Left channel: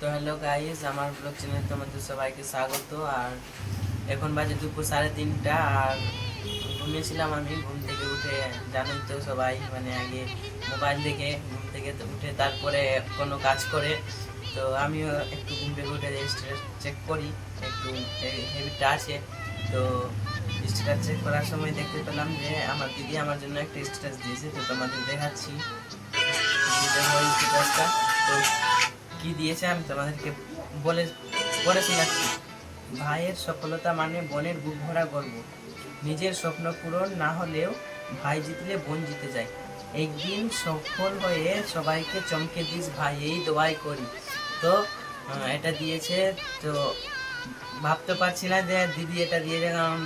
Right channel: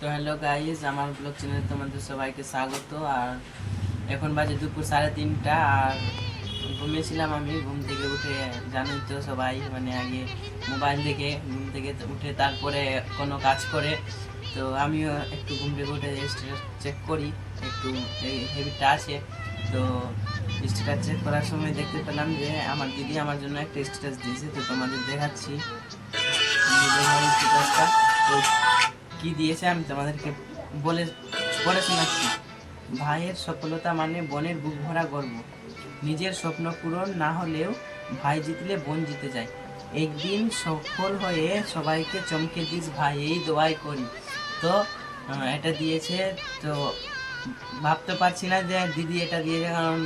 তো hello guys, আমার blog চ্যানেলে তোমাদের সবাইকে স্বাগত। আর এখন বাজে দুপুর 3:30 আর ঘুমিয়েছিলাম। আমি ঘুম থেকে উঠে, জানোই তো সবাই, মানে আগে মোবাইল দেখে ঘুম থেকে উঠে তারপরে কোনো কাজ করে। তো আমিও একটু ঘুম থেকে উঠে স্ট্যাটাস চেক করি, একটু এই হ্যাবিটটা আছে। তো স্ট্যাটাস চেক করার সময় দেখতে পেলাম যে আমার দিদি আমার জন্য একটা স্ট্যাটাস দিয়েছে। তো তোমাদের দেখাচ্ছি স্ট্যাটাসটা। তো কি দিয়েছে আমি তোমাদেরকে বলে পড়ে শোনাচ্ছি। ভাইয়ের সফলতা মানে বোনের বুক ভরা গর্ব। নিজের স্বপ্ন পূরণ না হলেও ভাই জিতলে বোন জিতে যায়। একদিন সফল হয়ে সবাইকে চমকে দিস ভাই, এই দোয়াই করি। তো এটা দিয়েছে। তো ভাবতে পারছি না যে দিদি এটা দিয়েছে, কারণ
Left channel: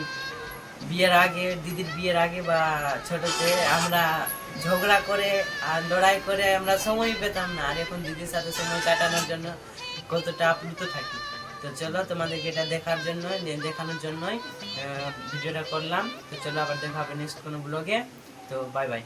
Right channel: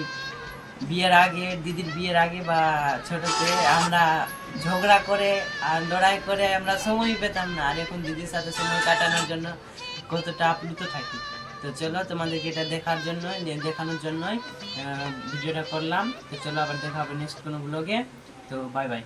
দিদির বিয়ের আগে বা ছোটতে আমরা ঝগড়া করে আর লড়াই করে আমরা সময় পেতাম না, আর এখন দিদির সাথে সময় কাটানোর জন্য কতটা আপ্লুত থাকি। তো চলো, তোমাদেরকে এটা দেখানোর জন্যই ভিডিওটা করলাম। তো চলো, আবার দেখা হবে নেক্সট কোনো ব্লগে। তো বাই বাই।